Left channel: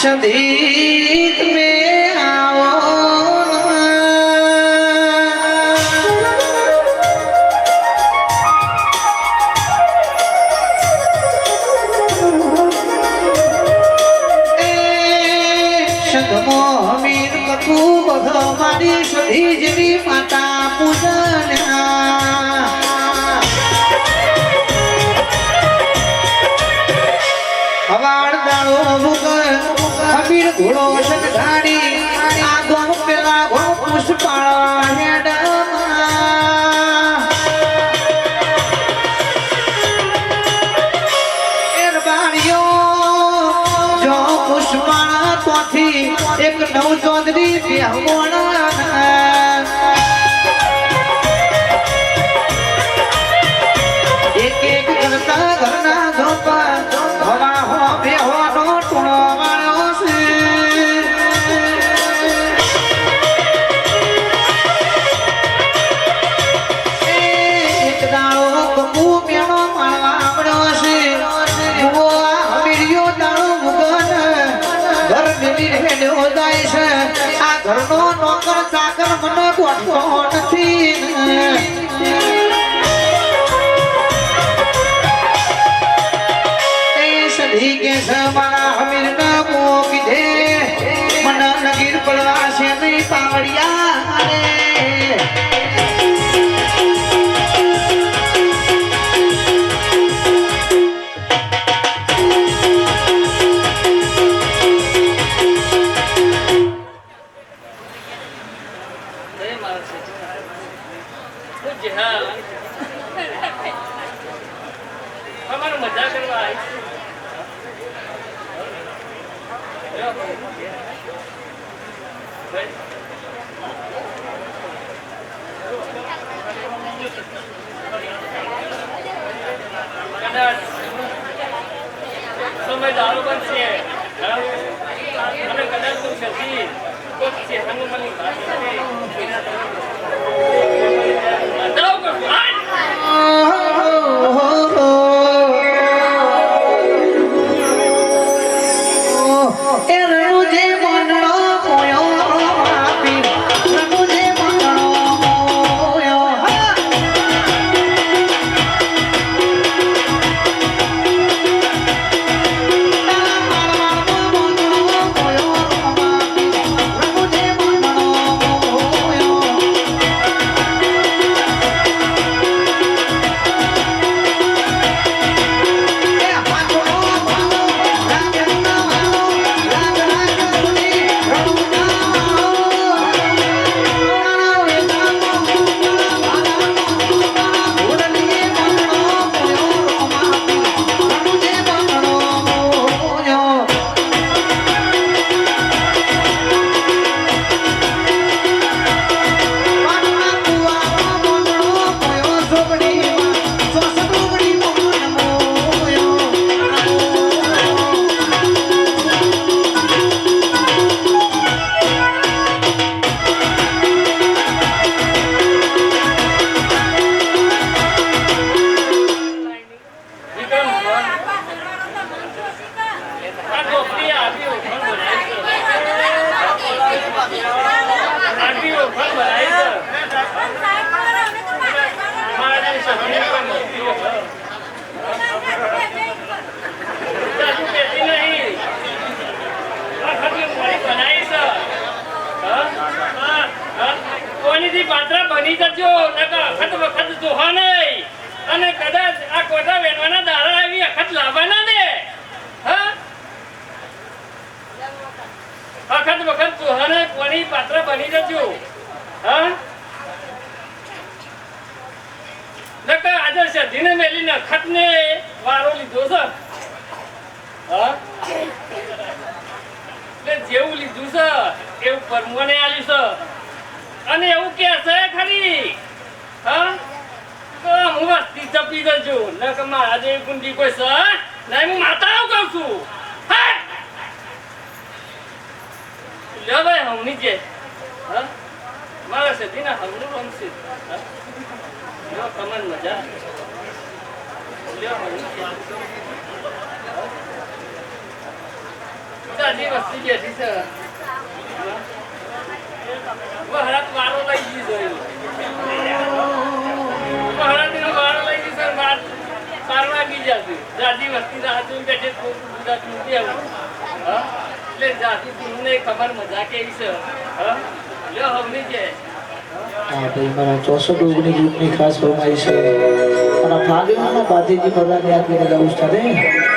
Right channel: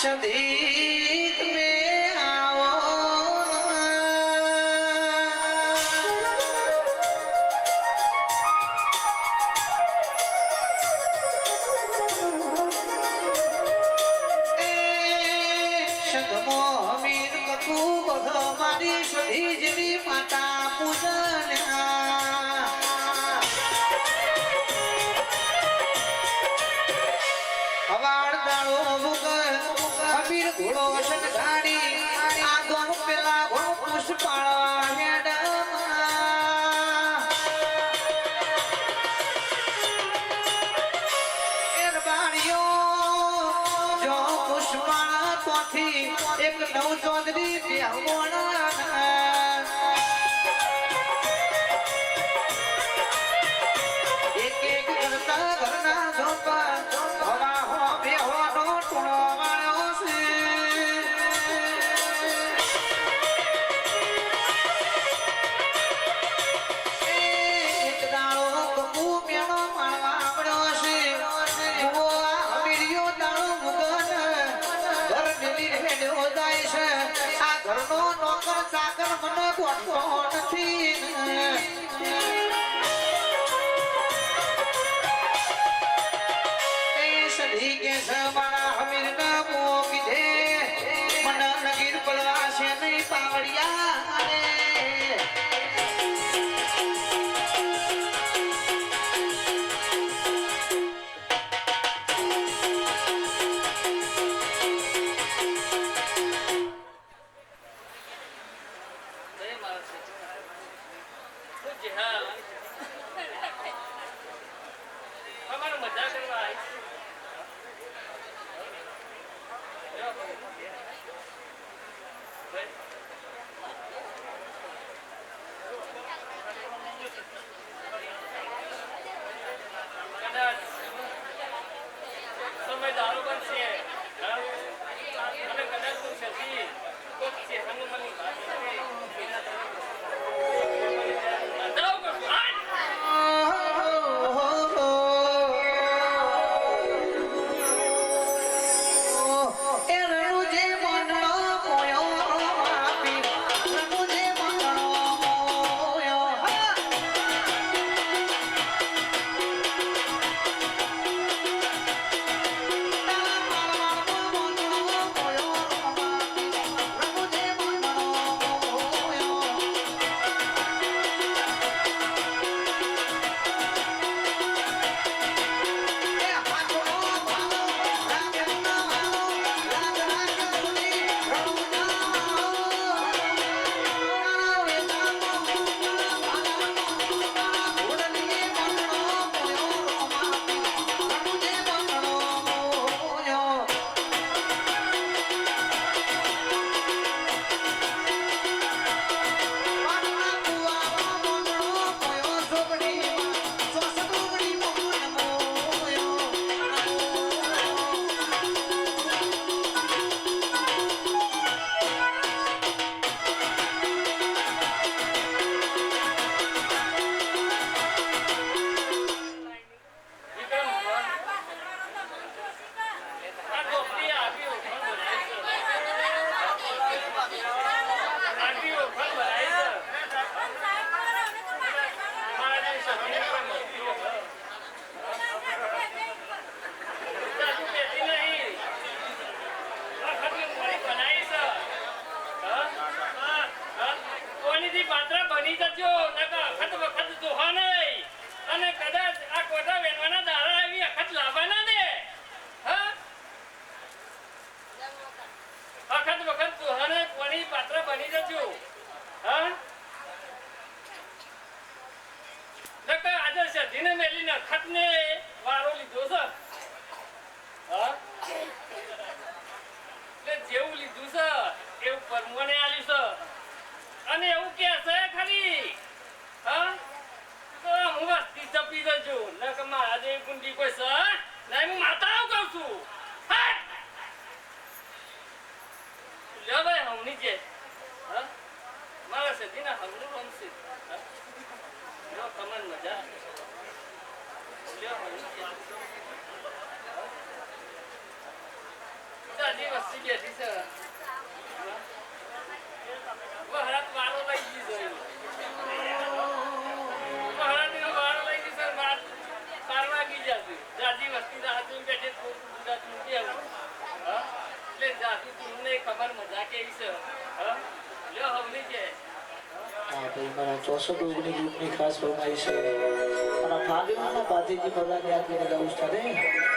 सदीक में आओ सदमो मीर ककू भगवानी सदी जनी माता पूजन हवाड़ दाड़ो मुगर अमीर घोड़ो सटगाड़ी आगो पेला घो पुष्पाला हेडमा एरबाणियो जो पुष्पाला तोथी एक नव चौधरी ब्याहवाना एक एक करता घरना धोपा हवा हो बेहोनो टुणो मारो से एक दाड़ो ककू मेणो मारवा पड़ो से वो हमीरियो दाड़ो मुगन घर मिली हेड्यो जाय से आ घरनो नौकर चाकर मने गोठतो नथी के समाना हमीर ना मोकी दे मना नगीर पलवा से नहीं पावड़िया हमारा मजाक करवा आई समझदारों बन से हमें कदर तो शक्ति को से हम मन दो को પાત્રા બની જજો નકા અખત વખત જોહા નહીં અને કદાચ આ કોઠા વેણવાના દાડા આવી અખત લાવવાના ને હા અખત વખત જોહા ને કોની પાત્રા બની જજો હા નકા આજે સધીને મેલીને અખત ને વારો લીધો છે હા એટલે જેવું લીધું છે એવું પરમોને આલ્યું છે અને એવું કે છે ખરી હા તો હું વસ્તી ચપી જજો ન કે મારા જેવી ગુંડી કોઈ છે નહીં હું માતા કહું છું હા લે ભાઈ હમની જે હા મારા સધીના હમનું રમશે હા લ્યો કમન મજા લ્યો હમની જે રાજી વસ્તી બેઠી છે વહરાત વારો લઈ ગઈ જોઈ વહરાતનો વારો લઈ ગઈ સર બાર વાગી જશે રાજી વસ્તી રાહ જોઈ બેઠે ગુજરાત મૂકી આવું હા એટલે જાતિ તમને ખબર મજા કેવી છે હા લ્યો હમની છે હા ભાઈ મારા 64 ઓગણી ગ્રુપની ખાસ ફરમાઈશ છે અને ફાગણમાં ભાતીજી ભગવાનની આત્મીને ગાવું સ્ટાર્ટ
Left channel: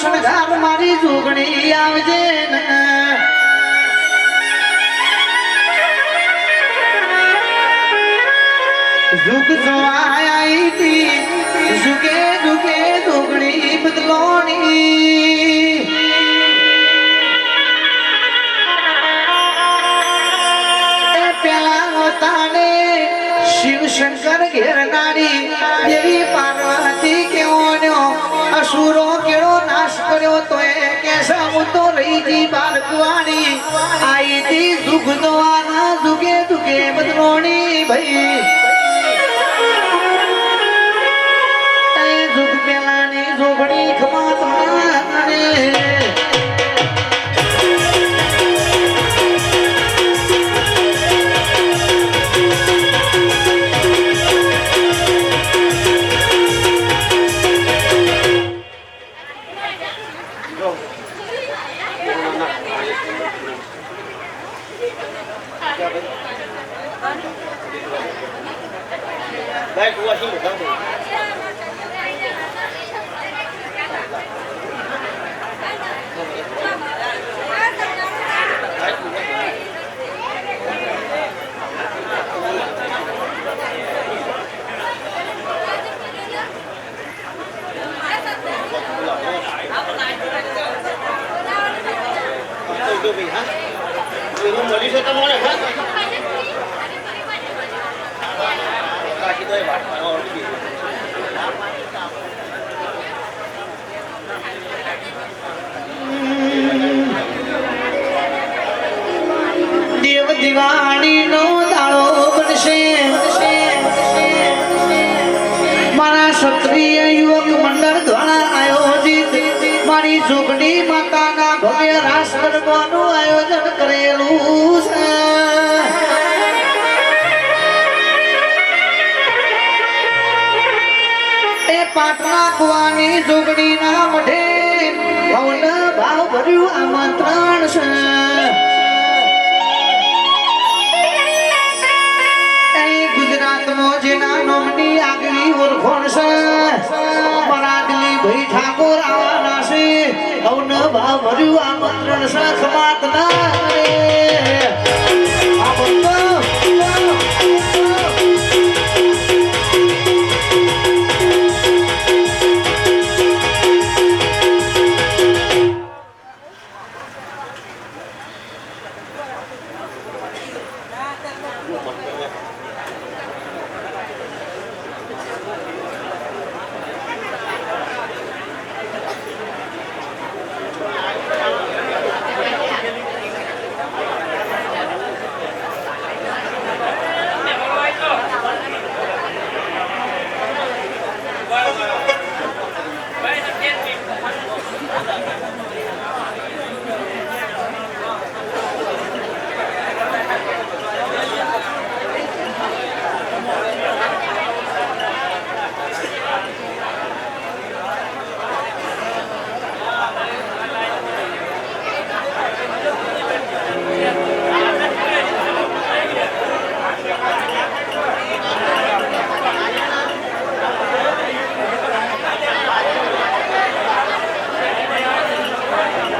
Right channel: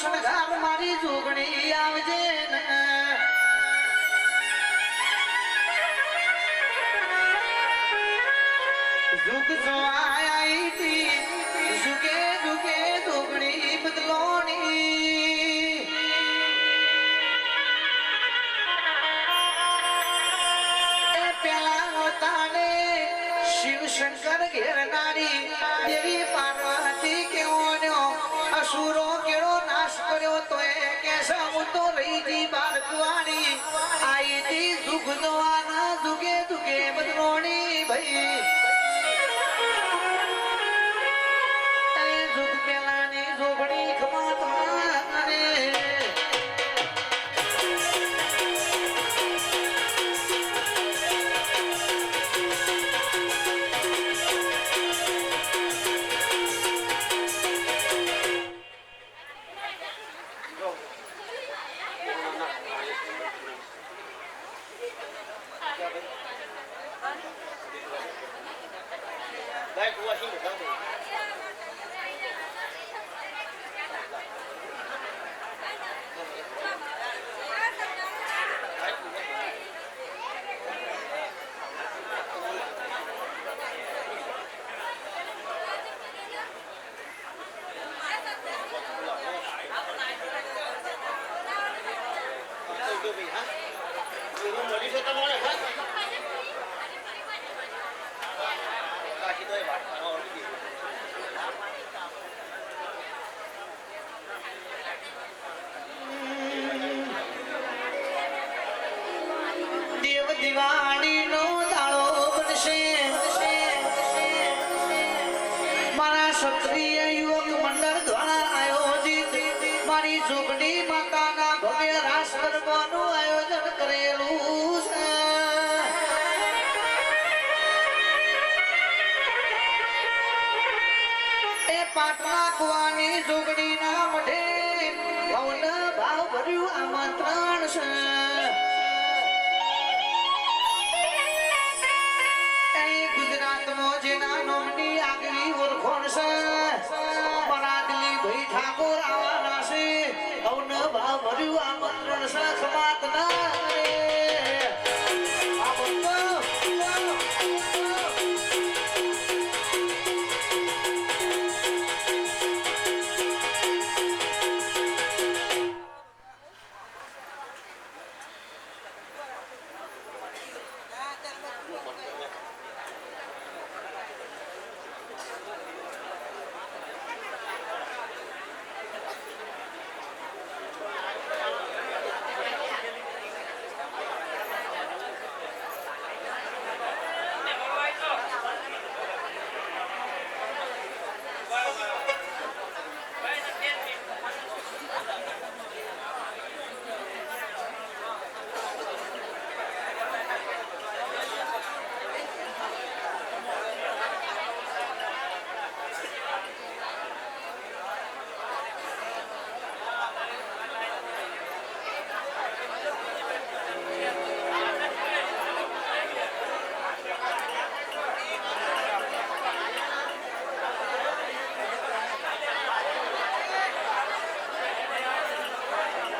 શણગાર મારી જોગણી આવજે ને ઝુક જોવાઈ તી ઝુકે ઝુકે જોગણી બદલોણી એ પેલા તાને શિવ શંકર ઘેરનારી દેવી પાર્વતી કેવો અસુરો કેળો નાશ કર્યો તો એ કેસા હું તો રહી જી બાળકવાણી આઈ તી દુઃખ દોવાના દુગે દુગે બદલોણી ભાઈ એ દુઃખ પેલાની જોગણી ખમા તમારે દિવાળી નો દાડો બનશે મારા ક્ષત્રિય યુવક મંડળ દ્વારા આયોજિત મારી જોગણી માતાના ભવ્ય રાસ ગરબાનું આયોજન કરેલું છે એ પાટના કુવાની જોગણીના મઢે ભવન ભાવ ભર્યું આમંત્રણ છે અહીં ગુજરાતમાં જેના નામની આગલી ઓળખોણ છે મરાદલી ભાઈ ઠાકોર આવવાના છે અવન ભાવ ભર્યું આમંત્રણ છે ખમાત ના રે આ બંધો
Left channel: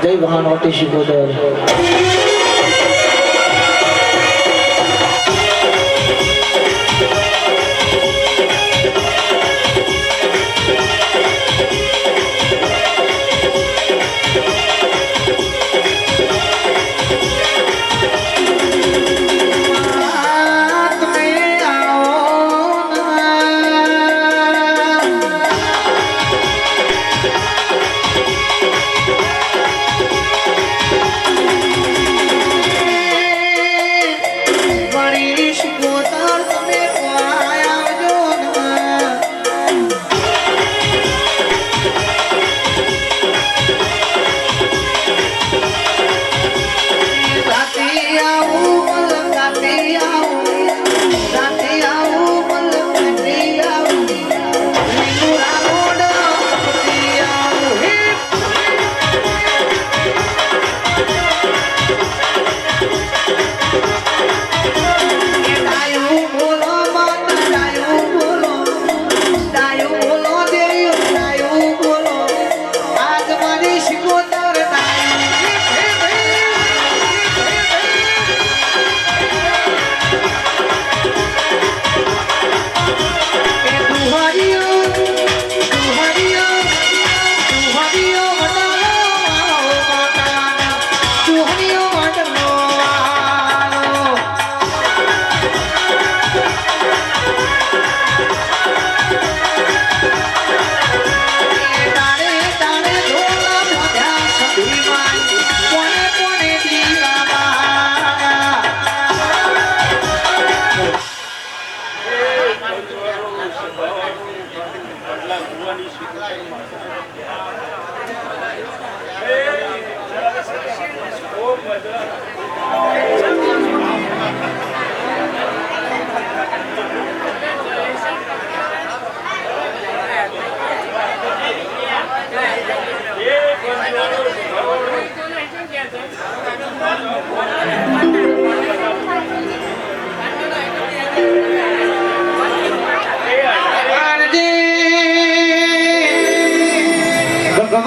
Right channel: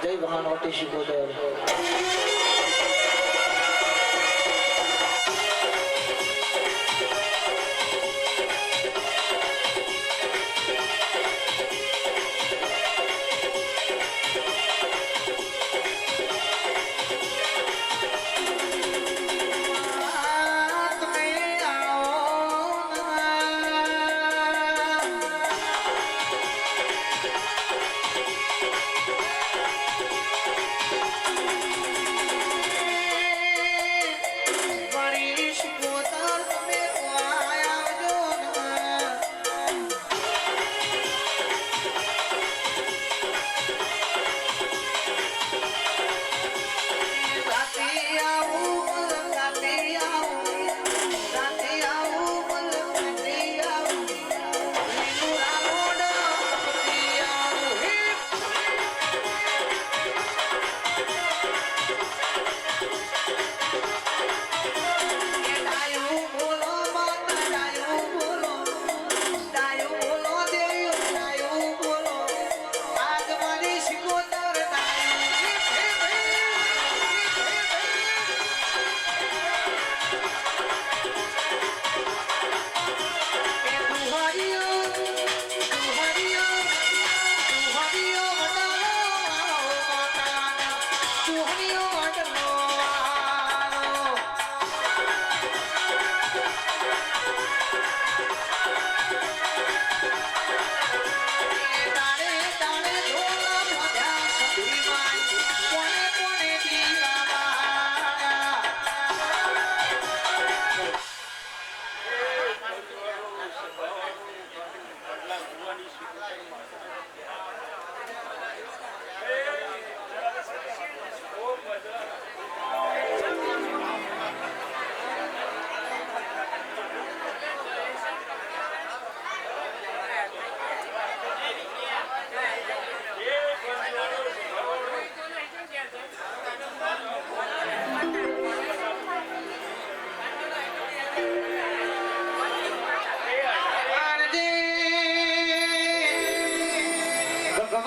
જય મહાનોટી શિકોદર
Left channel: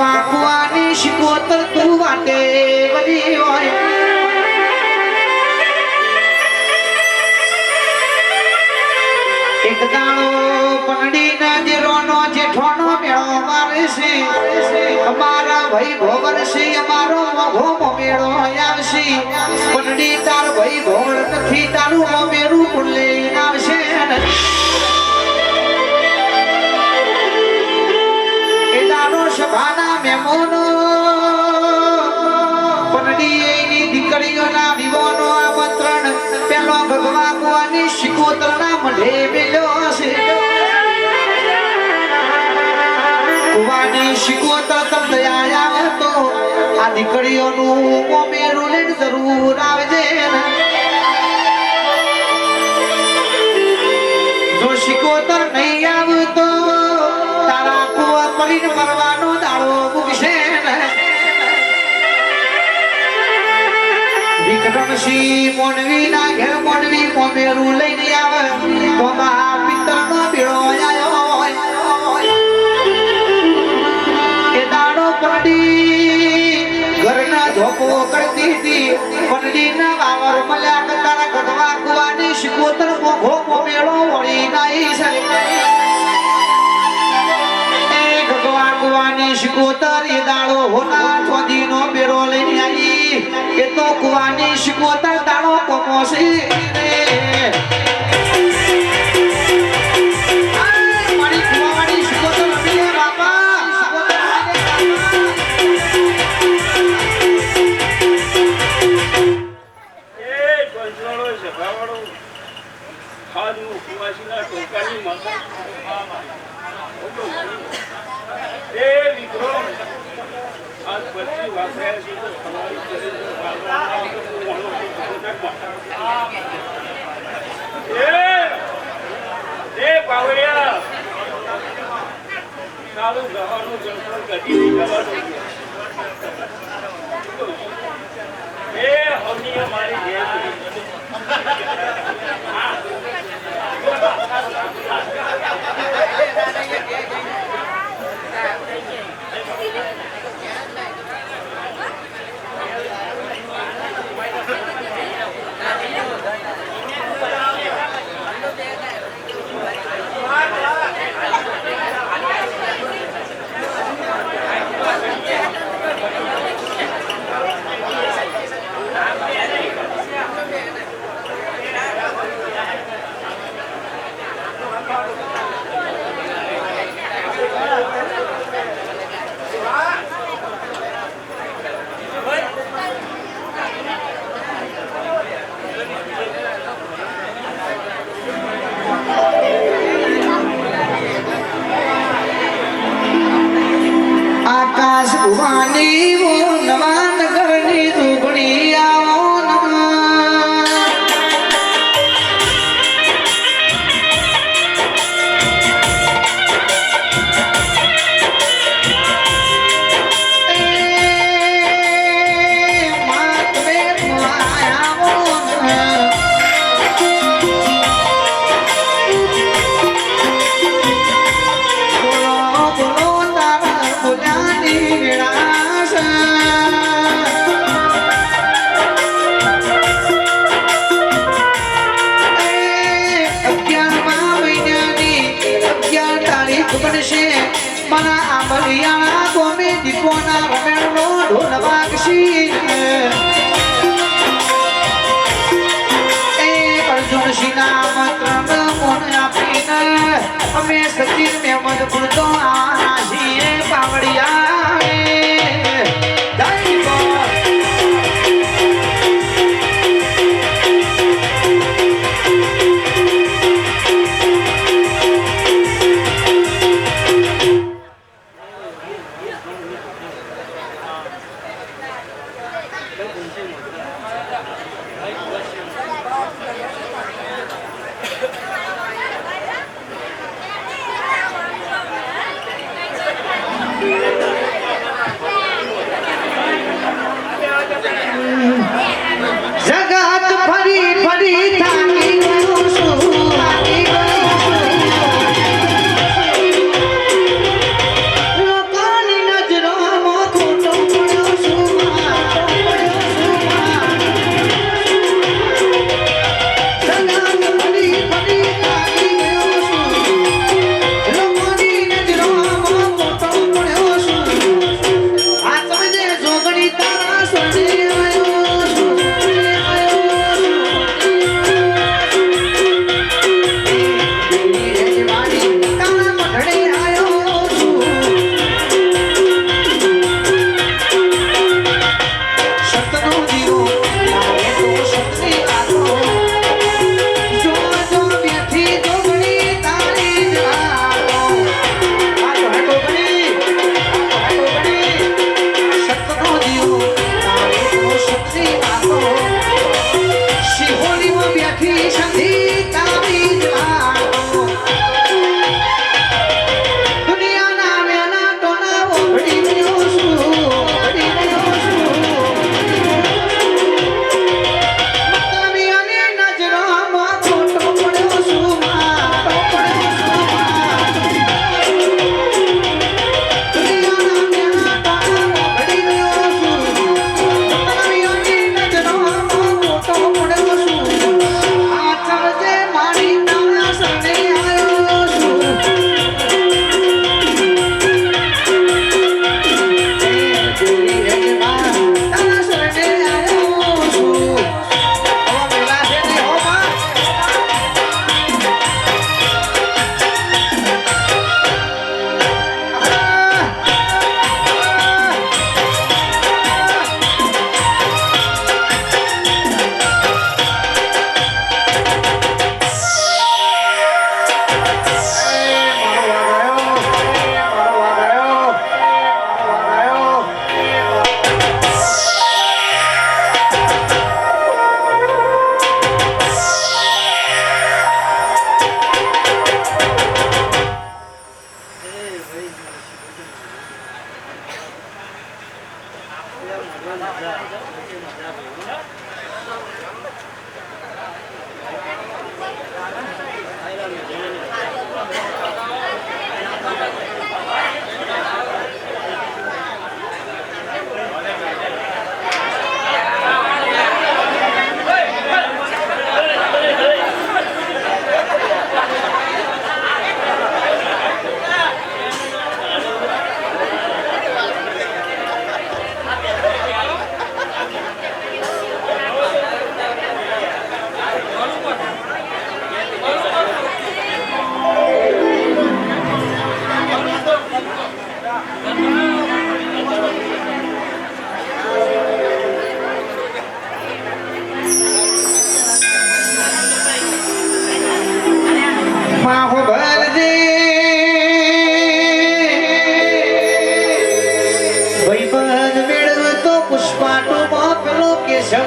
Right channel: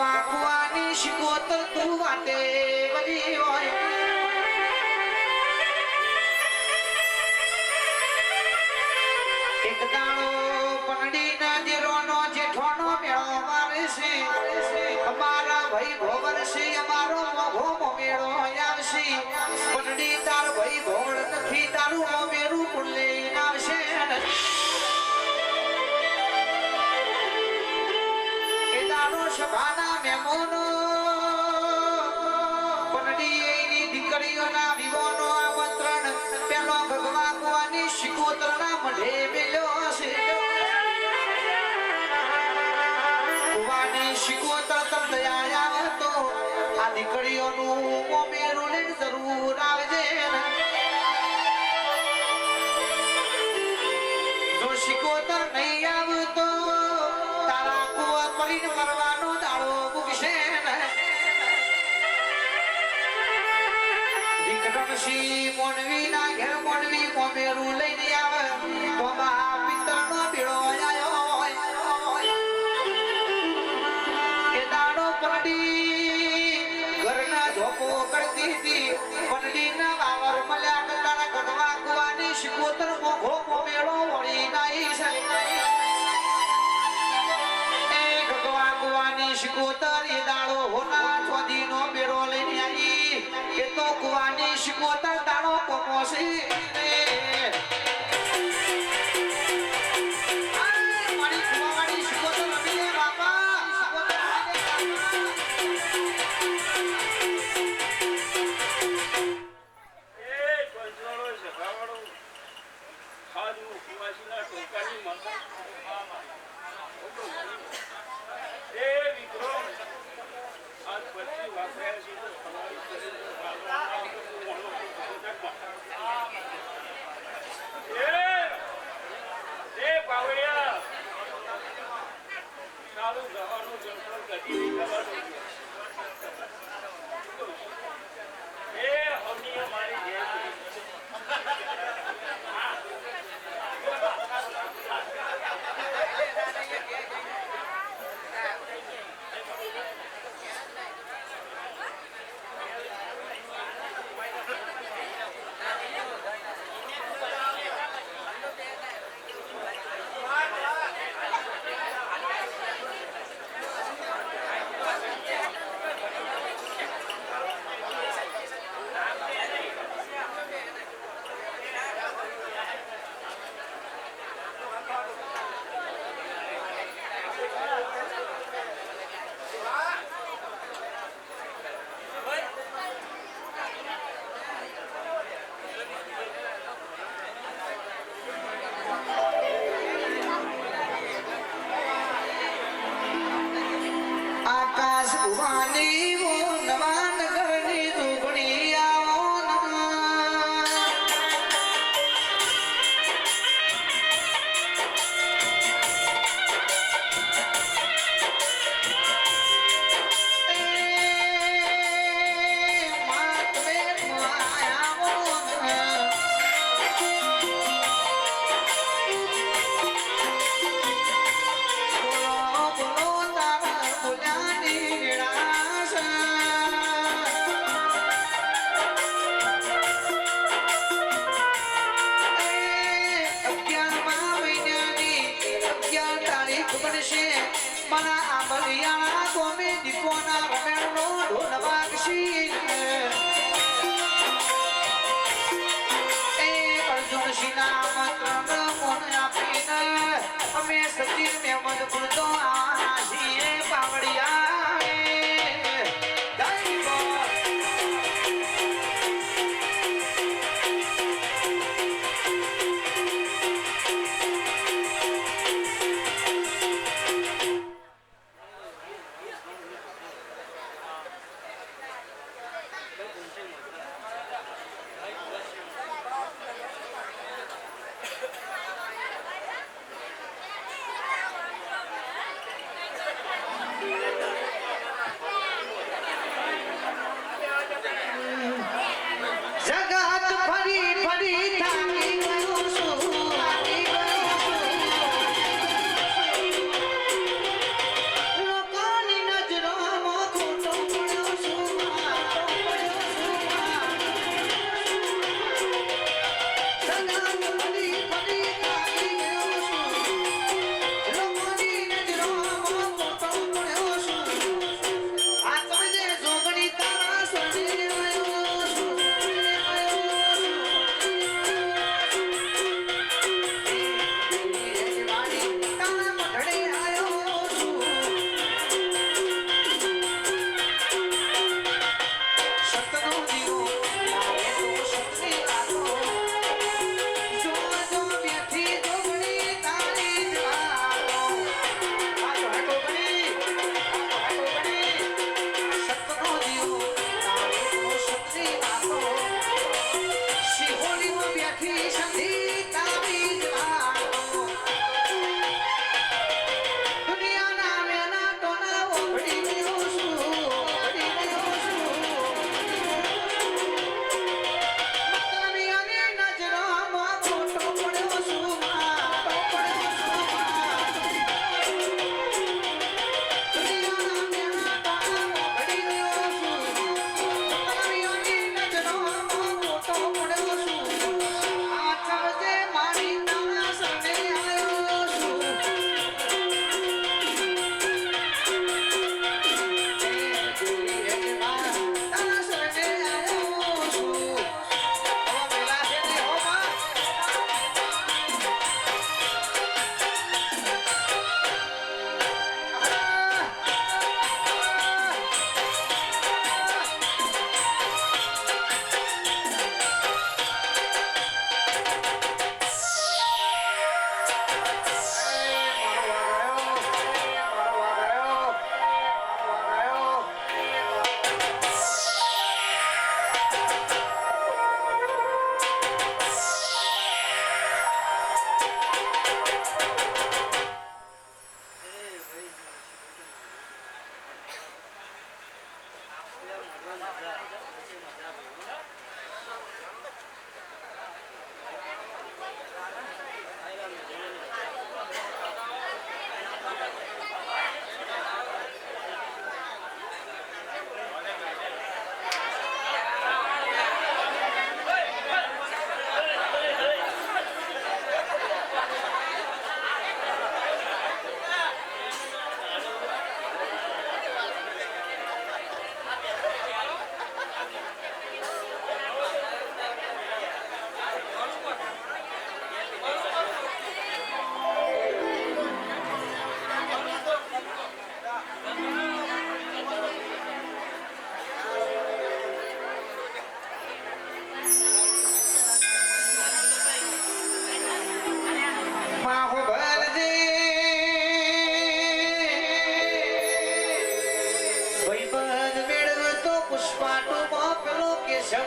ભગવાન શિકોતર તું વાટે વળી હોય એક દાણો પનડી ના જેરોનો જેઠોનો મેળો મારે છે અમારા ભાઈ ભોવર છે અમારો મોઘો મેળો આવશે પનડી તાર ભાઈ ભોવર નથી તારું મેરું પુલ્લે આવશે સભાના મહેમાનો પનડીની દીકરીઓના વિવાનો આમંત્રણ પેલો ભગવાનની શિકોતરના મઢે મેલ્યો છે કુવાની શિકોતર તમને આયા તો આ દીકરીઓનું મોમેરું લઈને જરૂર આવજે જો શિકોતર નહીં આવતો તારા કુવા પડીને મરવાનો દાડો મૂકશે ગણસી મોનવી ના ઘેર મોનવી મોમેરું લઈને આવે તો મા પિત્તરનો ભેળો આયો એ દાડો પડી ઘરના ધોકો કરતી હતી પંડીના વાવર મળ્યા કે તારા ગઢવા કુવાની શિકોતર મોઘો મોમેળો વળી નાઈ છે એ ગઢવા કુવાની શિકોતર એ દાડો હોના ચોદીનો બેરો લઈને આવી એ તો કુવાની શિકોતર દાડો કોમોસી મારી કુવાની શિકોતર રમીએ બાપા આકાશ ભુવાની વો નવા નગરની દુબળી આવો mana amaliana gome dipona romerno ढोलवा किसी अर्जुन सिना मंत्र मोन अपीना हमें सचिन में मजबूर तो आना पावड़िया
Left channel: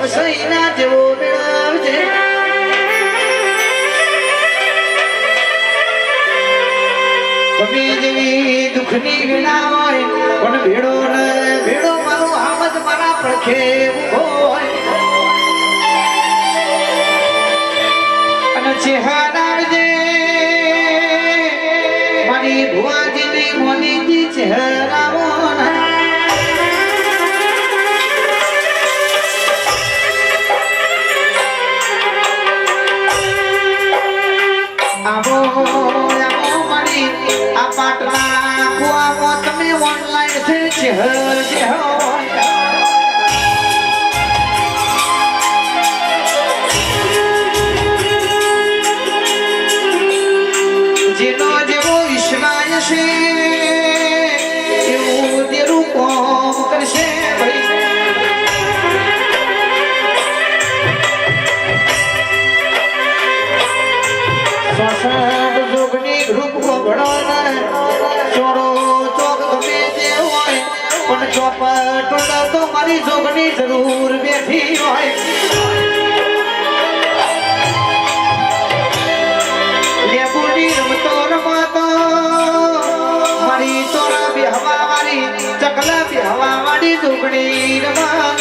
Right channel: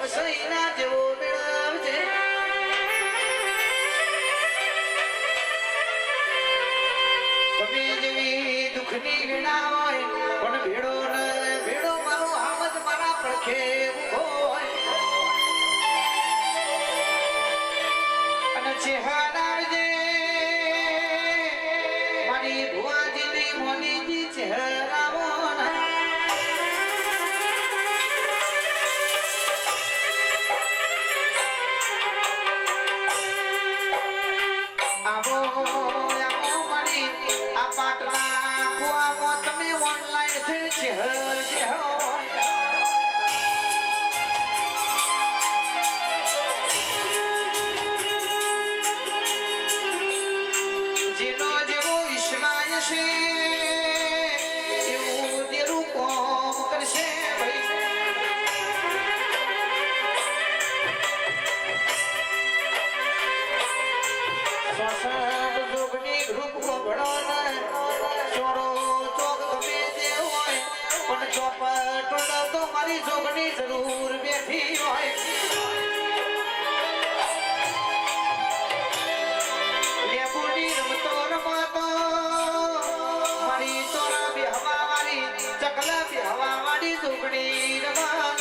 સૈના જેવો મેળવજે ગમે જેવી દુઃખની વેળા હોય પણ ભેડો ને ભેડો મારો આમદ મારા પડખે ઊભો હોય અને ચહેરાવજે મારી ભુવાજીની મોનીજી ચહેરાવો જેનો જેવો વિશ્વાય છે એવું તેરું કોમ કરશે શ્વસન જોગની ગ્રુપ ભણો ચોરો ચોક ગમે તે હોય પણ ચોપટ તો મારી જોગની જરૂર બેઠી હોય લેબુડી રમતો રમતો મારી ચોરા બેહવા વાળી ચકલા બેહવા વાળી જોગણી રમણ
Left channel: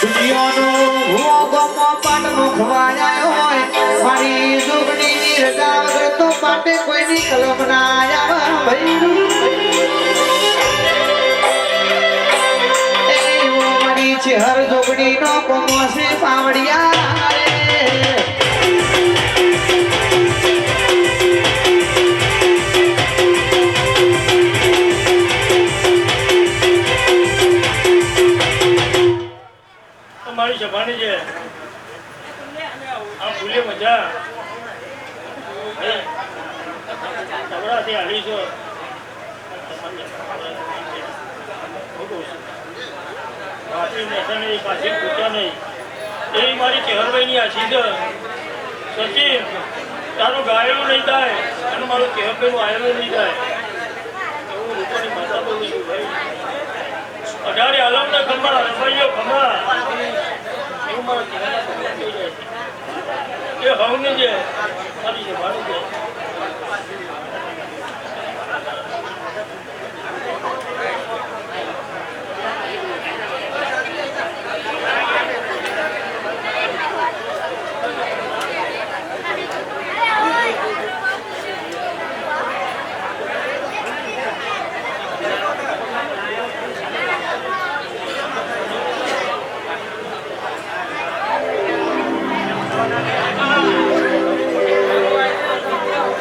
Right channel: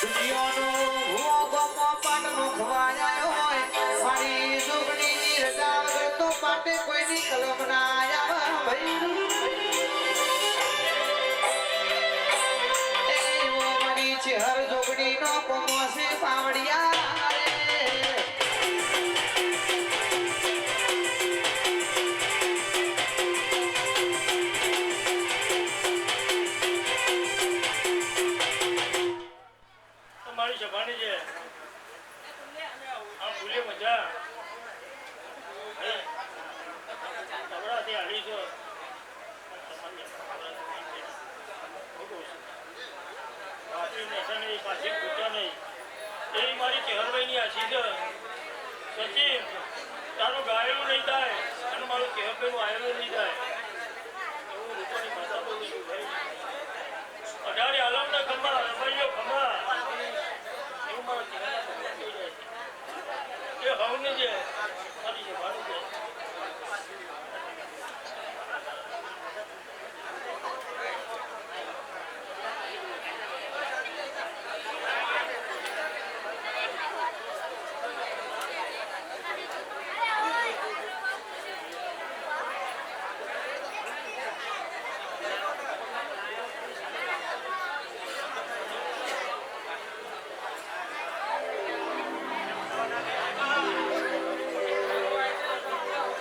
દુનિયાનો ભૂવો ગમો પાટનો ખવાયા હોય મારી જોગણીની રજા વગર તો પાટે કોઈની કલમ ના આવે ભાઈ એવો મારી ચહેર જોગણીનો કોમો છે પાવડિયા મારી સભાની છે આ ભૂલે મજા તબડાથી હાલી છો પાછી પૂછ્યા નહીં એવી મારી ચહેરભાઈની આશી છે સચિન તારું ગાયેલું નહીં થાય અને મારું ચહેરભાઈનું આયેલું નહીં થાય એવું લોકોની ભાષા બોલું છું ભાઈ અઢારે આલમના ખંભા રસભાઈઓ ખંભા એવું મારા ચહેરા થઈ જાય એ હવની છે મારી છે મારું છે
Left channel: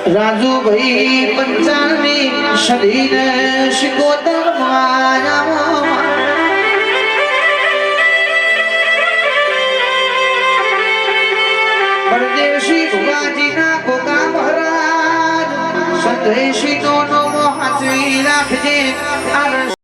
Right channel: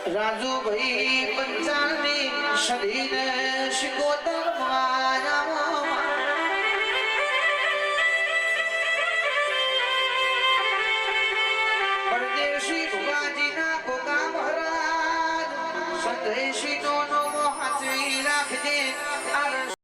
રાજુભાઈ પંચાણની સદીને શિકોતર પરદેશી ભુવાજીના ગોગા મહારાજ સંદેશી નો હાચવી રાખજે આ